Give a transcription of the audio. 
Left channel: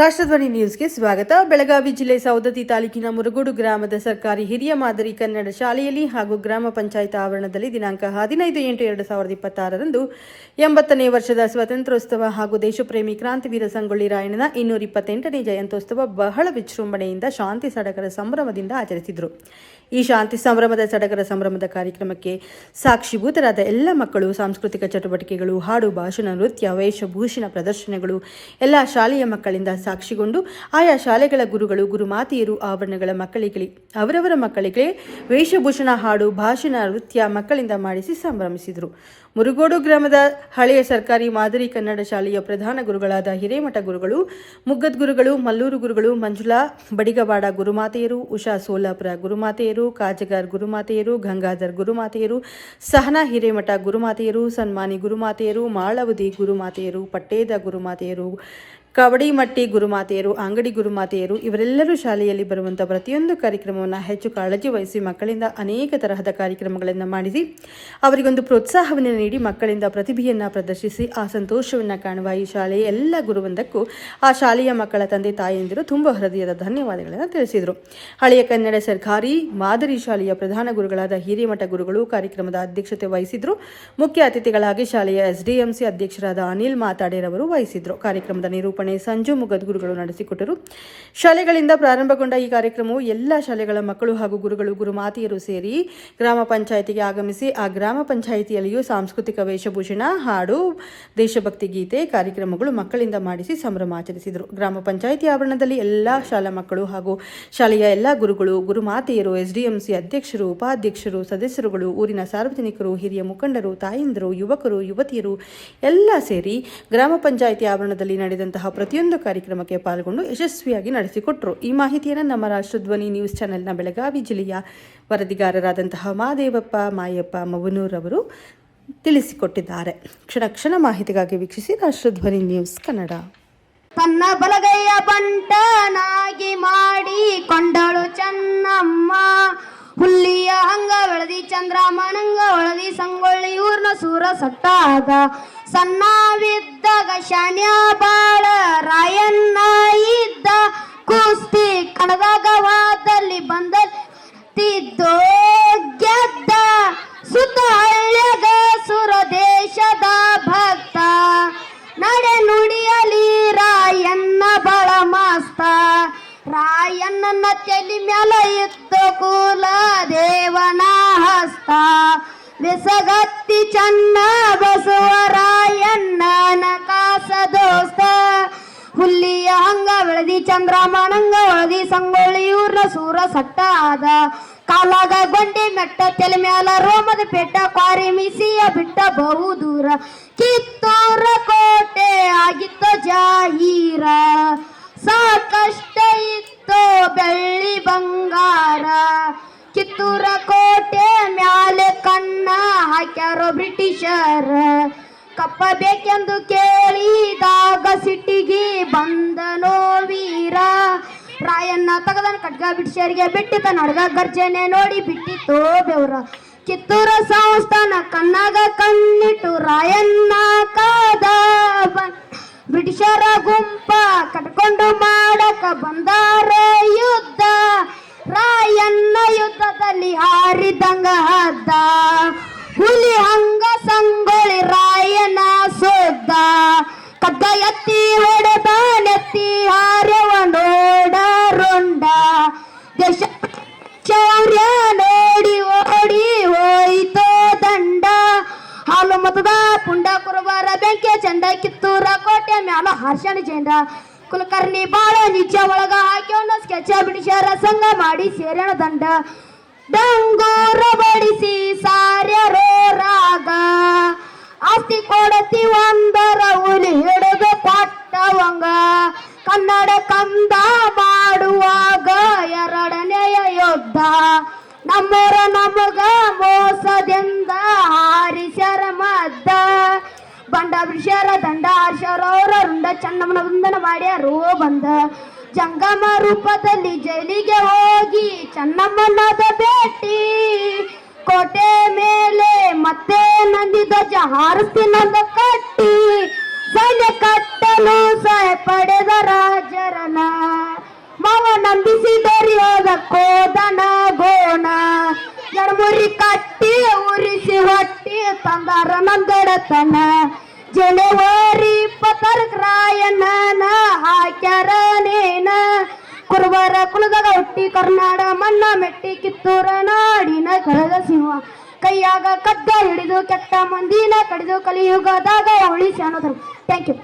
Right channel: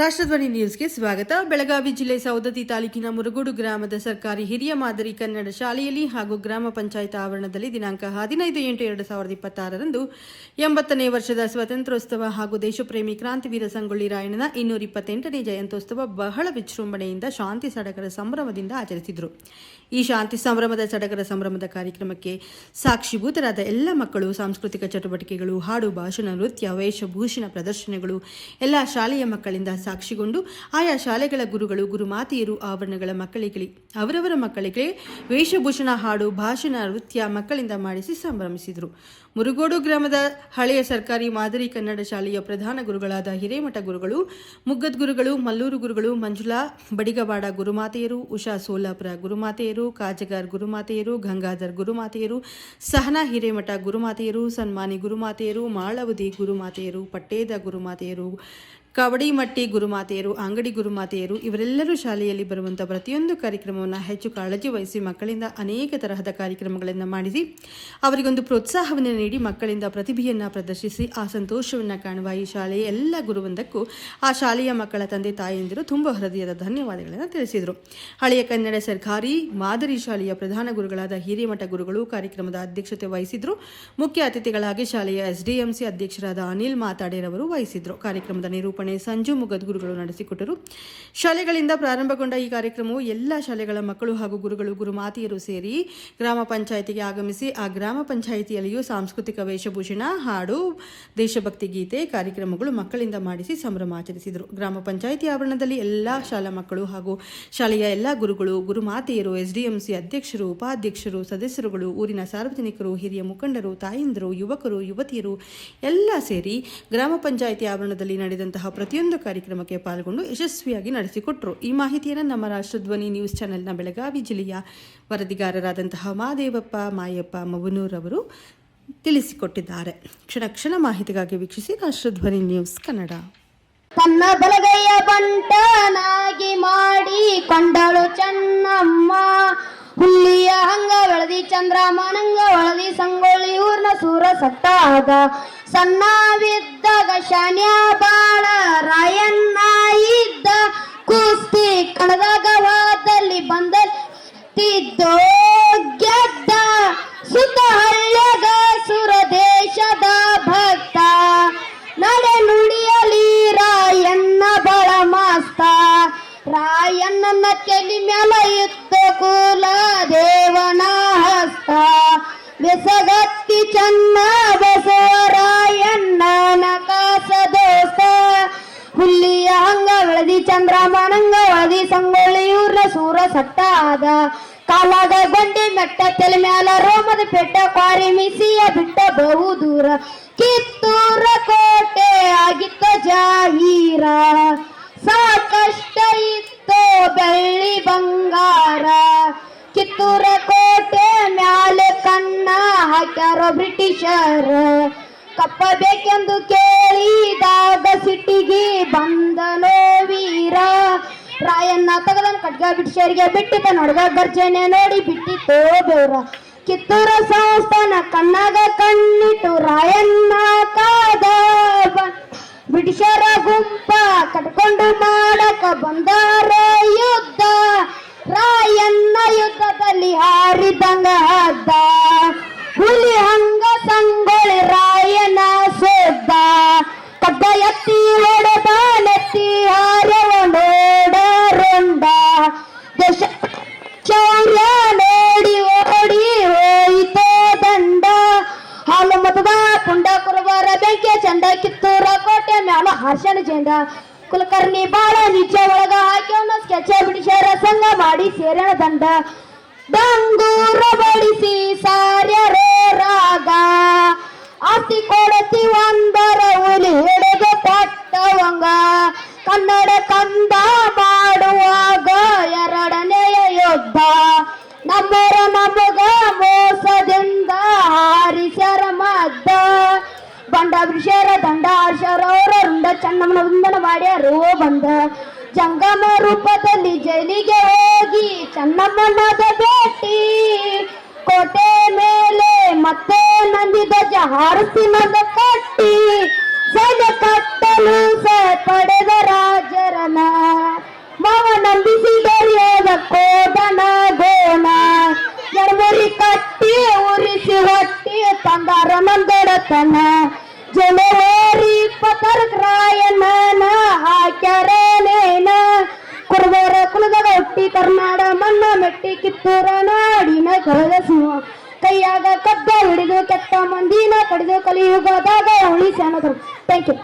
ರಾಷ್ಟ್ರಧ್ವನಿ ನ್ಯೂಸ್ಗೆ ಸ್ವಾಗತ. ಬೆಳಗಾವಿ ಜಿಲ್ಲೆ ಸವದತ್ತಿ ತಾಲೂಕಿನ ಮುರಗೋಡು ಗ್ರಾಮದ ಸರ್ಕಾರಿ ಹಿರಿಯ ಮಾದರಿ ಕನ್ನಡ ಶಾಲೆಯಲ್ಲಿ ಹಾಗೂ ಗ್ರಾಮ ಪಂಚಾಯತ್ ಆವರಣದಲ್ಲಿ ದಿನಾಂಕ 15/8/2026ರಂದು 80ನೇ ವರ್ಷದ ಸ್ವಾತಂತ್ರ್ಯೋತ್ಸವ ಹಾಗೂ ದೇಶಪ್ರೇಮಿ ಕ್ರಾಂತಿವೀರ ಸಂಗೊಳ್ಳಿ ರಾಯಣ್ಣನ 228ನೇ ಜಯಂತ್ಯೋತ್ಸವ ಬಹಳ ವಿಜೃಂಭಣೆಯಿಂದ ಶಾಂತಿ ಸಡಗರ ಸಂಭ್ರಮದಿಂದ ಆಚರಿಸಿದರು. ಈ ಶಾಂತಿ ಸಂಭ್ರಮದ ಸಡಗರ ಸಂಭ್ರಮದ ಕಾರ್ಯಕ್ರಮಕ್ಕೆ ಸಾಕ್ಷಿಭೂತರಾದ ಎಲ್ಲ ಮಕ್ಕಳು ಸಾಂಸ್ಕೃತಿಕ ಚಟುವಟಿಕೆಗಳು, ಹಾಡು, ಭಾಷಣ, ನೃತ್ಯ, ವೇಷಭೂಷಣ ಪ್ರದರ್ಶನಗಳು ಎಲ್ಲ ಶಾಲೆಯ ಮಕ್ಕಳಿಂದ ಸಾಕ್ಷಿಗೊಂಡು ಆಯಾ ಶಾಲೆಗಳ ಗುರುಗಳು, ಗುರುಮಾತೆಯರು ಆವರಣಗಳ ಮಕ್ಕಳಿಗೆ ಅವರವರ ಮಕ್ಕಳಿಗೆ ವೇಷಭೂಷಣ, ಹಾಡು, ಭಾಷಣ, ನೃತ್ಯ ಮಕ್ಕಳಿಂದ ಮಾಡಿಸಿ ಸಂಭ್ರಮಿಸಿದರು. ಮುರುಗೋಡು ಗ್ರಾಮದ ಹಳೆಯ ಸರ್ಕಾರಿ ಮಾದರಿ ಕನ್ನಡ ಶಾಲೆಯ ಪ್ರಧಾನ ಗುರುಗಳಾದ ಹಿರೇಮಠ ಗುರುಗಳು, ಮುಗ್ಗದ್ ಗುರುಗಳು, ಮಲ್ಲೂರು ಗುರುಗಳು, ಮಂಜುಳಾ ಬಡಿಗವಾಡ ಗುರುಮಾತೆಯರು, ಉಷಾ ಸೋಲಾಪುರ ಗುರುಮಾತೆಯರು, ಕಾಜಗಾರ್ ಗುರುಮಾತೆಯರು, ಗಂಗಾಧರ್ ಗುರುಮಾತೆಯರು, ಸಹನಾ ಹಿರೇಮಠ ಗುರುಮಾತೆಯರು, ಸನ್ಮಾನಿ ಗುರುಮಾತೆಯರು, ಮಾಳವದಿ ಗುರುಮಾತೆಯರು, ಪಟ್ಟೇದ ಗುರುಮಾತೆಯರು, ಕವಡಿಮಟ್ಟಿ ಗುರುಮಾತೆಯರು, ಅಂಗಡಿ ಗುರುಮಾತೆಯರು ಇವರೆಲ್ಲರೂ ಶಾಲೆಯಲ್ಲಿ ಬರುವಂತಹ ಪ್ರತಿಯೊಂದು ಕಾರ್ಯಕ್ರಮವನ್ನು ಹೆಚ್ಚು ಕಾಳಜಿ ವಹಿಸಿ ಮಕ್ಕಳಿಂದ ಅನೇಕ ತರಹದ ಕಾರ್ಯಕ್ರಮಗಳನ್ನು ಮಾಡಿಸಿ ಅವರಿಗೊಂದು ಪ್ರೋತ್ಸಾಹವನ್ನು ನೀಡಿ ಮಕ್ಕಳಿಂದ ಪ್ರತಿಭೆಯನ್ನು ಪ್ರದರ್ಶಿಸಿ ಆ ಸಂತೋಷವನ್ನು ಕಾಣುವ ಈ ಶಾಲೆಯ ಎಲ್ಲ ಗುರುವೃಂದಕ್ಕೂ ಆ ಶಾಲೆಯ ಮಕ್ಕಳ ತಂದೆ ತಾಯಿಯಂದಿರು ತುಂಬ ಹೃದಯದ ಧನ್ಯವಾದಗಳನ್ನು ತಿಳಿಸಿದರು. ಹಳೆಯ ಕನ್ನಡ ಸರ್ಕಾರಿ ಮಾದರಿ ಶಾಲೆಯ ಪ್ರಧಾನ ಗುರುಗಳಾದ ಹಿರೇಮಠ ಗುರುಗಳು ಕಾರ್ಯಕ್ರಮದ ಅಧ್ಯಕ್ಷತೆ ವಹಿಸಿದ್ರು. ಮುಖ್ಯ ಅತಿಥಿಗಳಾಗಿ ಶಾಲೆಯ ಎಸ್ಡಿಎಂಸಿ ಅಧ್ಯಕ್ಷರಾದ ಅನಿಲ್ ಮಾತಾಡೇರವರು ವಹಿಸಿದ್ರು. ಕಾರ್ಯಕ್ರಮದ ನಿರೂಪಣೆ ಸಂಜು ಮುಗದ್ಗುರುಗಳು ನಡೆಸಿಕೊಟ್ಟರು. ಶಾಲೆಗಳಿಂದ ಪ್ರಾರಂಭಗೊಂಡ ಈ ಕಾರ್ಯಕ್ರಮವು ಎಲ್ಲ ಶಾಲೆಗಳ ಮಕ್ಕಳು ಹಾಗೂ ಗುರುಗಳು, ಗುರುಮಾತೆಯರು ಸೇರಿ ಗ್ರಾಮ ಪಂಚಾಯಿತಿಗೆ ಆಗಮಿಸಿ ಆ ಗ್ರಾಮ ಪಂಚಾಯಿತಿಯಲ್ಲಿಯೂ ಸಾಂಸ್ಕೃತಿಕ ವೇಷಭೂಷಣ, ಹಾಡು, ದೇಶಭಕ್ತಿ ಗೀತೆ ಕಾರ್ಯಕ್ರಮಗಳು ಮಕ್ಕಳಿಂದ ಮಾಡಿಸಿ ಸಂಭ್ರಮಾಚರಿಸಿದರು. ಗ್ರಾಮ ಪಂಚಾಯಿತಿ ಆವರಣದಲ್ಲಿ ಎಲ್ಲ ಶಾಲಾ ಮಕ್ಕಳು ಹಾಗೂ ಶಾಲೆಯ ಎಲ್ಲ ಗುರುಗಳು, ಗುರುಮಾತೆಯರು, ಎಸ್ಡಿಎಂಸಿ ಅಧ್ಯಕ್ಷರು, ಉಪಾಧ್ಯಕ್ಷರು, ಸದಸ್ಯರುಗಳು, ಊರಿನ ಸಾರ್ವಜನಿಕರು, ಹಿರಿಯ ಮುಖಂಡರು, ತಾಯಂದಿರು, ಯುವಕರು, ಯುವತಿಯರು ಎಲ್ಲ ಸೇರಿ ಗ್ರಾಮ ಪಂಚಾಯಿತಿ ಆವರಣದಲ್ಲಿ ನಡೆದಂತಹ ಪ್ರತಿಯೊಂದು ಕಾರ್ಯಕ್ರಮಕ್ಕೆ ಪಾಲ್ಗೊಂಡು ಯಶಸ್ವಿಯಾಗಿ ನಡೆಸಿಕೊಟ್ಟರು. ಈ ಮಾಹಿತಿಯನ್ನು ನಮ್ಮ ರಾಷ್ಟ್ರಧ್ವನಿ ನ್ಯೂಸ್ ಚಾನೆಲ್ನ ಬೆಳಗಾವಿ ಜಿಲ್ಲೆಯ ವರದಿಗಾರರಾದಂತಹ ಮಾದೇವಪ್ಪ ಮಾಯಪ್ಪ ಮವನೂರ್ ಅವರು ತಿಳಿಸಿಕೊಟ್ಟಿದ್ದಾರೆ. ಕ್ಷಣ ಕ್ಷಣ ಮಾಹಿತಿಗಾಗಿ ವೀಕ್ಷಿಸಿ ರಾಷ್ಟ್ರಧ್ವನಿ ನ್ಯೂಸ್ ಕನ್ನಡ. ತನ್ನ ಬಲಗೈಯ ಬಂಟನಾಗಿ ಮಾಡಿ ಕೊಂಡಳು ಚೆನ್ನಮ್ಮ, ಹುಲ್ಲಿಯ ಹಂಗ ಬೆಳದಿ ಚಂದ್ರಮನಂಗ ಒಳದಿ ಸಂಗೊಳ್ಳಿ ಊರ್ನ ಸೂರ ಸಟ್ಟಾದ, ಸಣ್ಣವಿದ್ದಾಗ ಶಾನ್ಯ ಬಾಳ ರಾಯಣ್ಣ ಇದ್ದ, ಕುಸ್ತಿ ಕಣದಾಗ ವಾದಲ್ಲಿ ಬಂದಿದ್ದೋ ಗೆದ್ದ, ಸುತ್ತ ಹಳ್ಳ್ಯಾಗ ಸುರ ದೇಶದ ಭಕ್ತ, ನಡೆ ನುಡಿಯಲಿ ರಾಯಣ್ಣ ಬಳ ಮಸ್ತ, ರಾಯಣ್ಣನ ತಲೆ ಮ್ಯಾಲ ಇತ್ತ ಕುಲ ದೇವನ ಹಸ್ತ, ಬೆಸಗತ್ತಿ ಚನ್ನ ಬಸವರಾಯಣ್ಣನ ಕಾಸ ದೋಸ್ತ, ಹುಲ್ಲಿಯ ಹಂಗ ಬೆಳದಿ ಚಂದ್ರಮನಂಗ ಒಳದಿ ಸಂಗೊಳ್ಳಿ ಊರ್ನ ಸೂರ ಸಟ್ಟಾದ, ಕಾಲಾಗ ಗೊಂಡಿ ಮೆಟ್ಟ ತಲೆ ಮ್ಯಾಲ ರೋಮದ ಪೆಟ್ಟ, ಕ್ವಾರಿ ಮಿಸಿಯ ಬಿಟ್ಟ ಬಹು ದೂರ, ಕಿತ್ತೂರ ಕೋಟೆ ಆಗಿತ್ತ ಜಾಹೀರ, ಸಾಕಷ್ಟ ಇತ್ತೋ ಬೆಳ್ಳಿ ಬಂಗಾರ, ಕಿತ್ತೂರ ಕೋಟೆ ಮ್ಯಾಲೆ ಕಣ್ಣ ಹಾಕ್ಯಾರ ಬ್ರಿಟಿಷರ, ಕಪ್ಪ ಬೇಕೆಂದು ಕೇಳಿದಾಗ ಸಿಟ್ಟಿಗೆ ಬಂದನೋ ವೀರ, ರಾಯಣ್ಣ ತಗದನ್ ಖಡ್ಗ ಬ್ರಿಟಿಷರಿಗೆ ಬಿಟ್ಟಿತ ನಡ್ಗ ಗರ್ಜನೆ ನೋಡಿ ಬಿಟ್ಟಿತೋ ಬೆವ್ರ, ಕಿತ್ತೂರ ಸಂಸ್ಥಾನ ಕಣ್ಣಾಗ ಕಣ್ಣಿಟ್ಟು ರಾಯಣ್ಣ ಕಾದ, ಬ್ರಿಟಿಷರ ಗುಂಪ ಕಟ್ಕೊಂಡು ಮಾಡಕ ಬಂದಾರ ಯುದ್ಧ, ರಾಯಣ್ಣ ಯುದ್ಧದಲ್ಲಿ ಹಾರಿದಂಗ ಹದ್ದ, ಹುಲಿ ಹಂಗ ಸಂಗೊಳ್ಳಿ ರಾಯಣ್ಣ ಸೋದ್ದ, ಕದ್ದ ಎತ್ತಿ ಹೊಡೆದ ನೆತ್ತಿ ಹಾರ್ಯವ ನೋಡ ರುಂಡ, ದೇಶ ಶೌರ್ಯ ನೋಡಿ ಓಡಿ ಹೋಯಿತೋ ದಂಡ, ಹಾಲು ಮತದ ಪುಂಡ ಕುರುಬರ ಬೆಂಕಿ ಚಂದ, ಕಿತ್ತೂರ ಕೋಟೆ ಮ್ಯಾಲ ಹರ್ಷಣ ಚಂದ, ಕುಲಕರ್ಣಿ ಬಾಳ ನಿಜ ಒಳಗ ಹಾಕ್ಯವನ ಸ್ಕೆಚ ಬಿಡಿಸ್ಯಾರ ಸಂಘ ಮಾಡಿ ಸೇರಣ ದಂಡ, ಡಂಗೂರ ಬಡಿಸಿ ಸಾರ್ಯರೋ ರಾಗ, ಆಸ್ತಿ ಕೊಡತಿ ಒಂದರ ಹುಲಿ ಹಿಡಿದು ಕೊಟ್ಟವಂಗ, ಕನ್ನಡ ಕಂದ ಮಾಡುವಾಗ ಎರಡನೆಯ ಯುದ್ಧ, ನಮ್ಮೂರ ನಮಗ ಮೋಸದಿಂದ ಹಾರಿಸ್ಯಾರ ಮದ್ದ, ಬಂಡ ಬ್ರಿಷರ ದಂಡ ಹರ್ಷರವರ ರುಂಡ ಚನ್ನಮ್ಮನ ವಂದನ ಮಾಡ್ಯಾರೋ ಬಂದ, ಜಂಗಮ ರೂಪದಲ್ಲಿ ಜೈಲಿಗೆ ಹೋಗಿ ಚನ್ನಮ್ಮನದ ಭೇಟಿ, ಕೋಟೆ ಮೇಲೆ ಮತ್ತೆ ನಂದಿ ಧ್ವಜ ಹಾರಿಸಿ ನಂದ ಕಟ್ಟಿ, ಸೈನ್ಯ ಕಟ್ಟಲು ಸಹ ಪಡೆದ ರಾಜರ ಬಡತನ ಜನವರಿ 20 ರಾಯಣ್ಣನ ಹಾಕ್ಯಾರನೇನ ಕುರುಬರ ಕುಲದಾಗ ಹುಟ್ಟಿ ಕರ್ನಾಡ ಮಣ್ಣ ಮೆಟ್ಟಿ ಕಿತ್ತೂರ ನಾಡಿನ ಕಳೆದ ಸಿಂಹ ಕೈಯಾಗ ಕದ್ದ ಹಿಡಿದು ಕೆಟ್ಟ ಮಂದಿನ ಕಡಿದು ಕಲಿಯುಗದಾಗ ಉಳಿಸಿ ಅನ್ನೋದ್ರು. Thank you.